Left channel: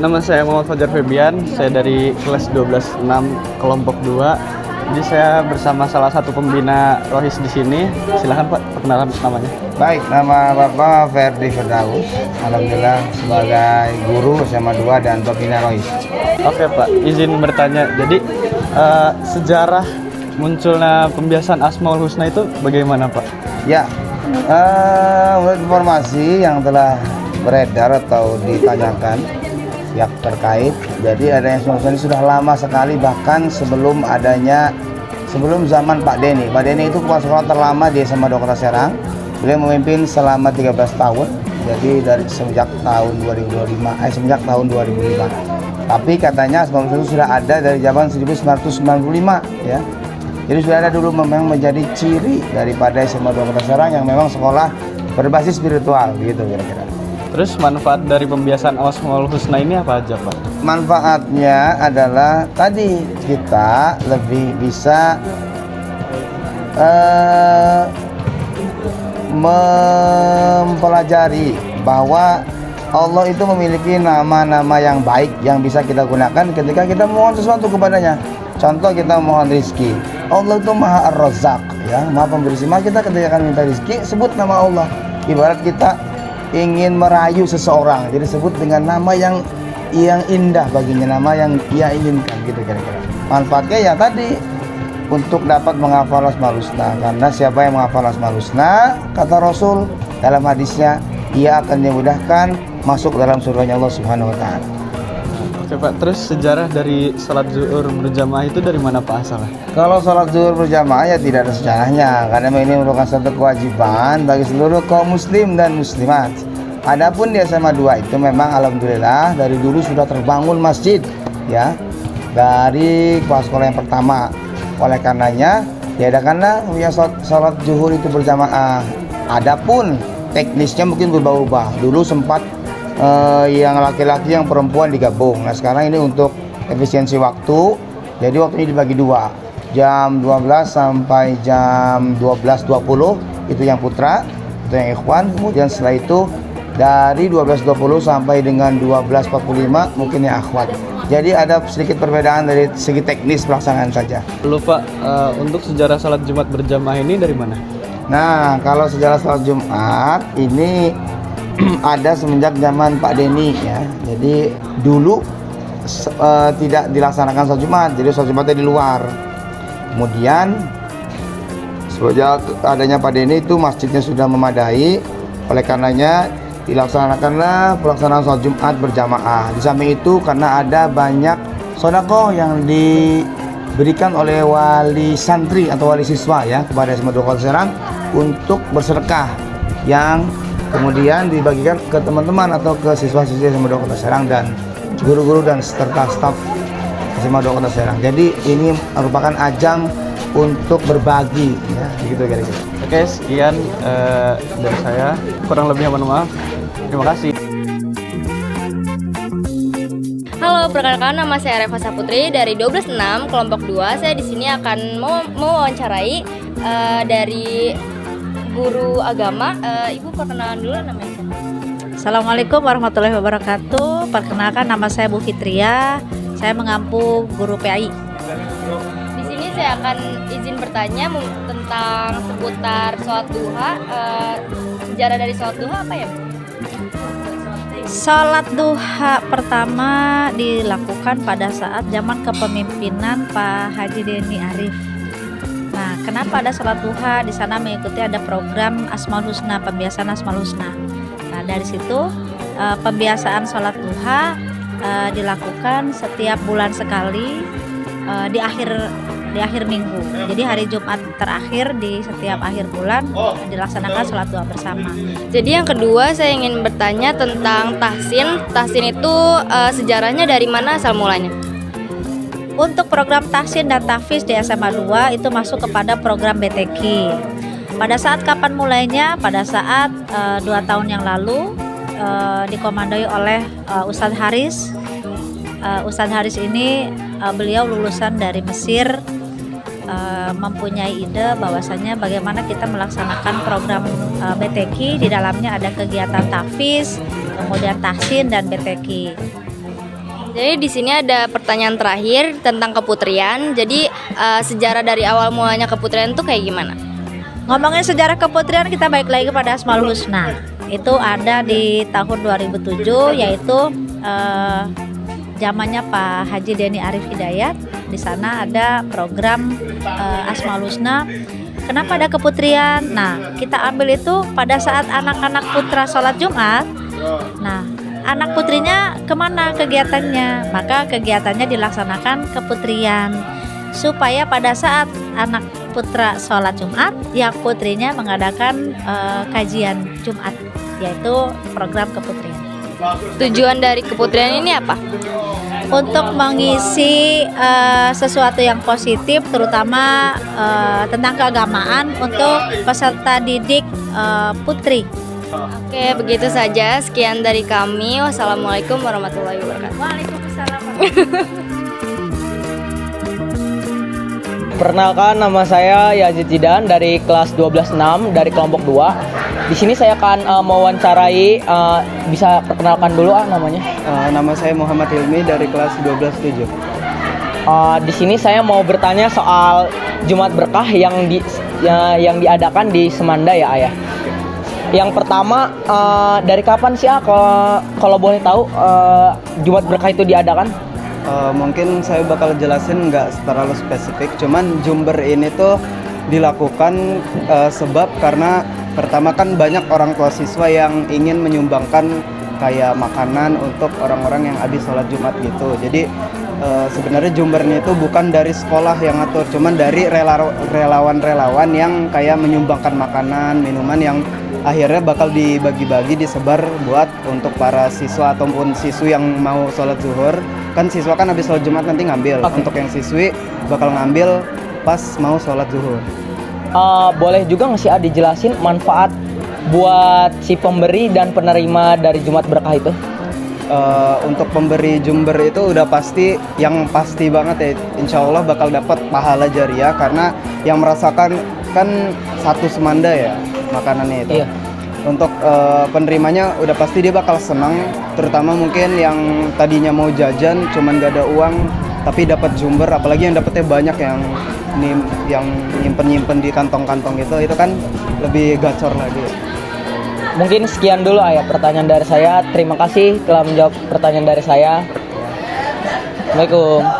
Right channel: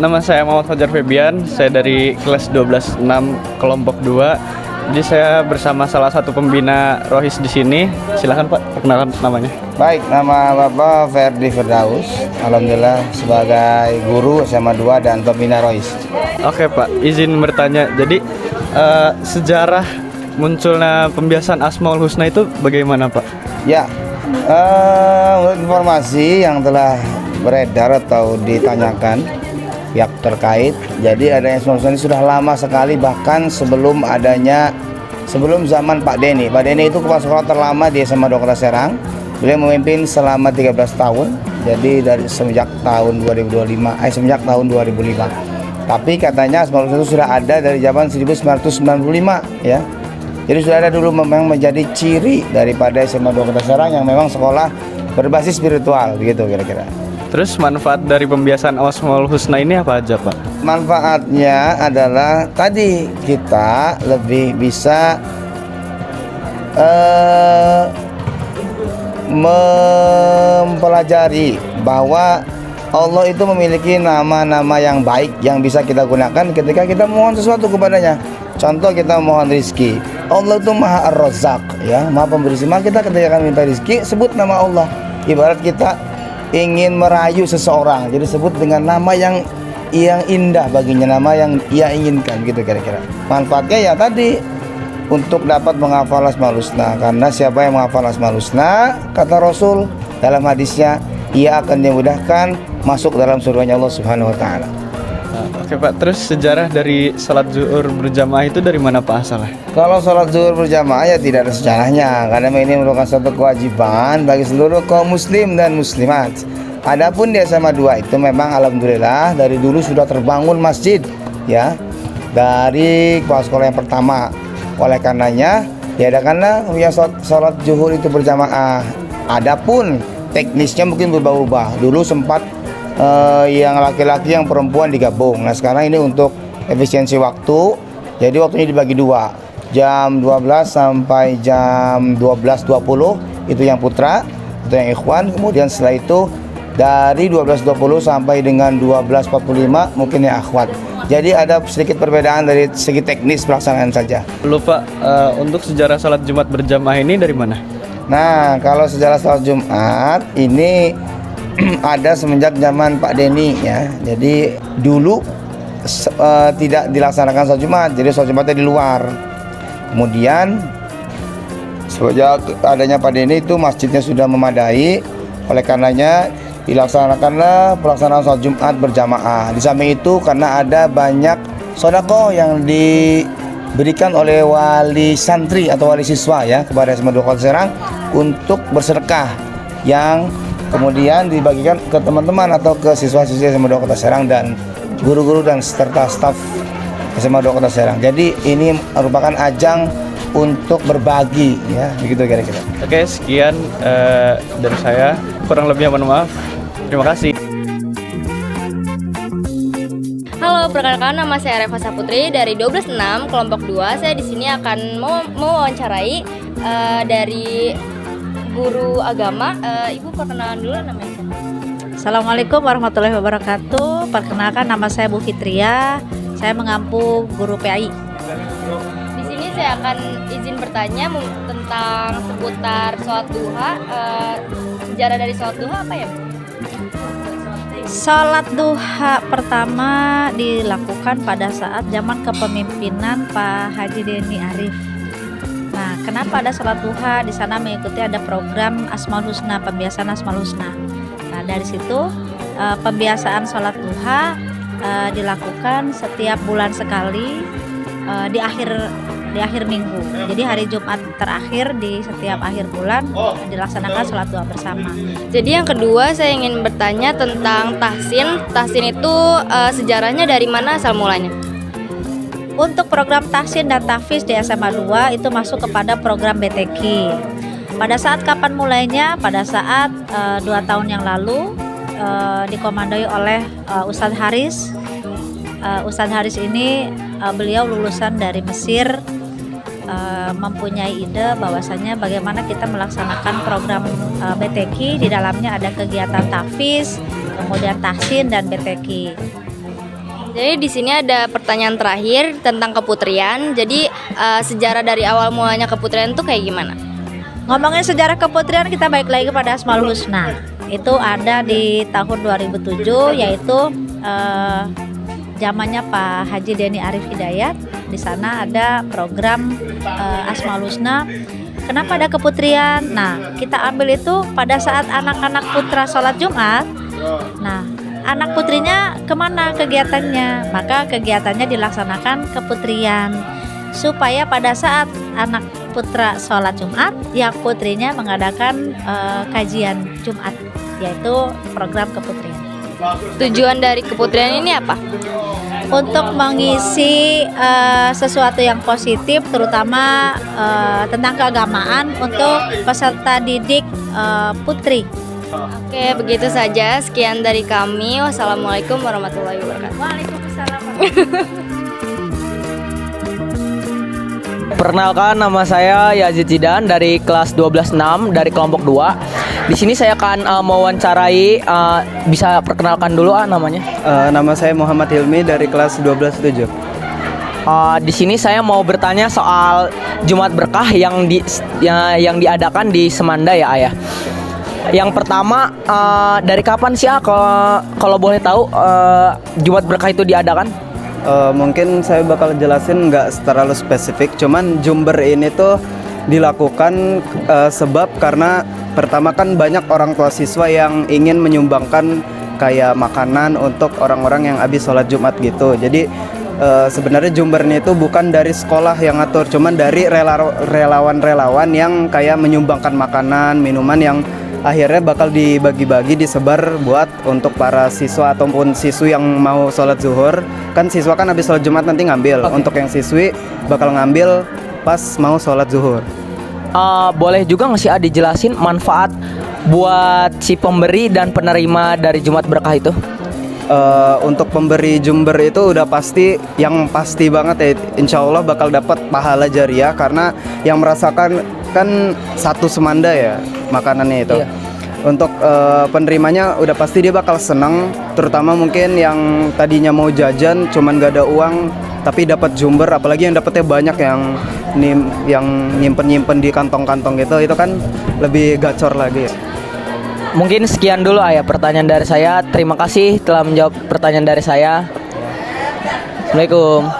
nama saya Muhammad Fajar Febian. Saya dari kelas 12-6 kelompok 2. Jadi saya bersama salah satu pembina Rohis di sini. Silakan Pak, perkenalkan namanya. Baik, nama Bapak Ferdi Firdaus. Alhamdulillah sebagai guru SMA 2 dan pembina Rohis. Oke Pak, izin bertanya. Jadi sejarah munculnya pembiasan Asmaul Husna itu bagaimana Pak? Ya, menurut informasi yang telah beredar atau ditanyakan pihak terkait, jadi adanya Asmaul Husna ini sudah lama sekali, bahkan sebelum zaman Pak Denny. Pak Denny itu kepala sekolah terlama di SMA 2 Kota Serang. Beliau memimpin selama 13 tahun, jadi semenjak tahun 2005. Tapi katanya Asmaul Husna itu sudah ada dari zaman 1995 ya. Jadi sudah ada dulu, memang menjadi ciri daripada SMA 2 Kota Serang yang memang sekolah berbasis spiritual, begitu kira-kira. Terus manfaat dari pembiasan Asmaul Husna ini apa aja Pak? Manfaatnya adalah tadi kita lebih bisa mempelajari bahwa Allah itu memiliki nama-nama yang baik yang bisa kita gunakan ketika kita mohon sesuatu kepadanya. Contoh, kita mohon rizki, Allah itu Maha Ar-Razzaq, ya, Maha Pemberi rizki. Maka kita ketika akan minta rizki, sebut nama Allah. Ibarat kita ingin merayu seseorang, jadi sebut dengan nama yang indah baginya, nama yang ia inginkan, gitu kira-kira. Manfaatnya ya tadi, untuk dapat menghafal Asmaul Husna, karena siapa yang menghafal Asmaul Husna, kata Rasul dalam hadisnya, ia akan dimudahkan masuk dalam surganya Allah Subhanahu wa taala. Oke Pak, terus sejarah dari salat zuhur berjamaah itu dari mana Pak asalnya? Kalau sholat zuhur berjamaah ya tidak ada sejarahnya, karena ini merupakan suatu kewajiban bagi seluruh kaum muslim dan muslimat. Adapun di SMA 2 itu memang alhamdulillah dari dulu sudah terbangun masjid, ya, dari kepala sekolah yang pertama. Oleh karenanya diadakanlah yang sholat zuhur itu berjamaah. Adapun teknisnya mungkin berubah-ubah. Dulu sempat yang laki-laki yang perempuan digabung. Nah sekarang ini untuk efisiensi waktu, jadi waktunya dibagi dua, jam 12 sampai jam 12.20 itu yang putra, itu yang ikhwan. Kemudian setelah itu dari 12.20 sampai dengan 12.45 mungkin yang akhwat. Jadi ada sedikit perbedaan dari segi teknis pelaksanaan saja. Lupa, untuk sejarah salat Jumat berjamaah ini dari mana? Nah, kalau sejarah salat Jumat ini ada semenjak zaman Pak Denny, ya. Jadi dulu tidak dilaksanakan salat Jumat, jadi salat Jumatnya di luar. Kemudian sejak adanya Pak Denny itu masjidnya sudah memadai, oleh karenanya dilaksanakanlah pelaksanaan salat Jumat berjamaah. Di samping itu karena ada banyak sedekah yang diberikan oleh wali santri atau wali siswa, ya, kepada SMA 2 Kota Serang untuk bersedekah, yang kemudian dibagikan ke teman-teman atau ke siswa-siswa SMA 2 Kota Serang dan guru-guru dan serta staf SMA 2 Kota Serang. Jadi ini merupakan ajang untuk berbagi, ya, begitu kira-kira. Oke, sekian dari saya. Kurang lebihnya mohon maaf. Terima kasih. Halo, perkenalkan nama saya Reva Saputri dari 12-6 kelompok 2. Saya di sini akan mewawancarai dari guru agama. Ibu perkenalan dulu namanya. Assalamualaikum warahmatullahi wabarakatuh. Perkenalkan nama saya Bu Fitria. Saya mengampu guru PAI. Di sini saya akan izin bertanya tentang seputar sholat duha. Sejarah dari sholat duha apa ya, Bu? Sholat duha pertama dilakukan pada saat zaman kepemimpinan Pak Haji Denny Arif. Nah, kenapa ada sholat duha? Di sana mengikuti ada program Asmaul Husna, pembiasaan Asmaul Husna. Nah, dari situ pembiasaan sholat duha dilakukan setiap bulan sekali di akhir minggu. Jadi hari Jumat terakhir di setiap akhir bulan dilaksanakan sholat duha bersama. Jadi yang kedua saya ingin bertanya tentang tahsin. Tahsin itu sejarahnya dari mana asal mulanya? Untuk program tahsin dan tahfiz di SMA 2 itu masuk kepada program BTQ. Pada saat kapan mulainya? Pada saat 2 tahun yang lalu dikomandoi oleh Ustadz Haris. Ustadz Haris ini beliau lulusan dari Mesir, mempunyai ide bahwasanya bagaimana kita melaksanakan program BTQ. Di dalamnya ada kegiatan tahfiz, kemudian tahsin dan BTQ. Jadi di sini ada pertanyaan terakhir tentang keputrian. Jadi sejarah dari awal mulanya keputrian tuh kayak gimana? Ngomongin sejarah keputrian, kita balik lagi pada Asmaul Husna. Itu ada di tahun 2007, yaitu zamannya Pak Haji Deni Arif Hidayat. Di sana ada program Asmaul Husna. Kenapa ada keputrian? Nah, kita ambil itu pada saat anak-anak putra sholat Jumat. Nah, anak putrinya kemana kegiatannya? Maka kegiatannya dilaksanakan keputrian, supaya pada saat anak putra sholat Jumat, yang putrinya mengadakan kajian Jumat, yaitu program keputrian. Tujuan dari keputrian ini apa? Untuk mengisi sesuatu yang positif, terutama tentang keagamaan untuk peserta didik putri. Oke, begitu saja. Sekian dari kami. Wassalamualaikum warahmatullahi wabarakatuh. Waalaikumsalam. Perkenalkan, nama saya Yazid Zidan dari kelas 12-6 dari kelompok 2. Di sini saya akan mewawancarai, bisa perkenalkan dulu namanya. Nama saya Muhammad Hilmi dari kelas 12-7. Di sini saya mau bertanya soal Jumat Berkah yang diadakan di Semanda ya, Ayah. Yang pertama, dari kapan sih kalau boleh tahu Jumat Berkah itu diadakan? Mungkin saya bakal jelasin nggak terlalu spesifik, cuman Jumber ini tuh dilakukan sebab karena pertama kan banyak orang tua siswa yang ingin menyumbangkan kayak makanan untuk orang-orang yang habis sholat Jumat gitu. Jadi sebenarnya Jumber ini itu bukan dari sekolah yang ngatur, cuman dari relawan-relawan yang kayak menyumbangkan makanan, minuman yang akhirnya bakal dibagi-bagi, disebar buat untuk para siswa ataupun siswi yang mau sholat zuhur. Kan siswa kan habis sholat Jumat nanti ngambil. Okay. Untuk yang siswi bakal ngambil pas mau sholat zuhur. Boleh juga nggak sih dijelasin manfaat buat si pemberi dan penerima dari Jumat Berkah itu? Untuk pemberi Jumber itu udah pasti, yang pasti banget ya, insya Allah bakal dapat pahala jariah, karena yang merasakan kan satu semanda ya makanannya itu. Iya. Untuk penerimanya udah pasti dia bakal senang, terutama mungkin yang tadinya mau jajan cuman gak ada uang tapi dapat Jumber, apalagi yang dapetnya banyak, yang nyimpen di kantong-kantong gitu, itu kan lebih gacor lagi. Mungkin sekian dulu Ayah pertanyaan dari saya. Terima kasih telah menjawab pertanyaan dari saya. Assalamualaikum.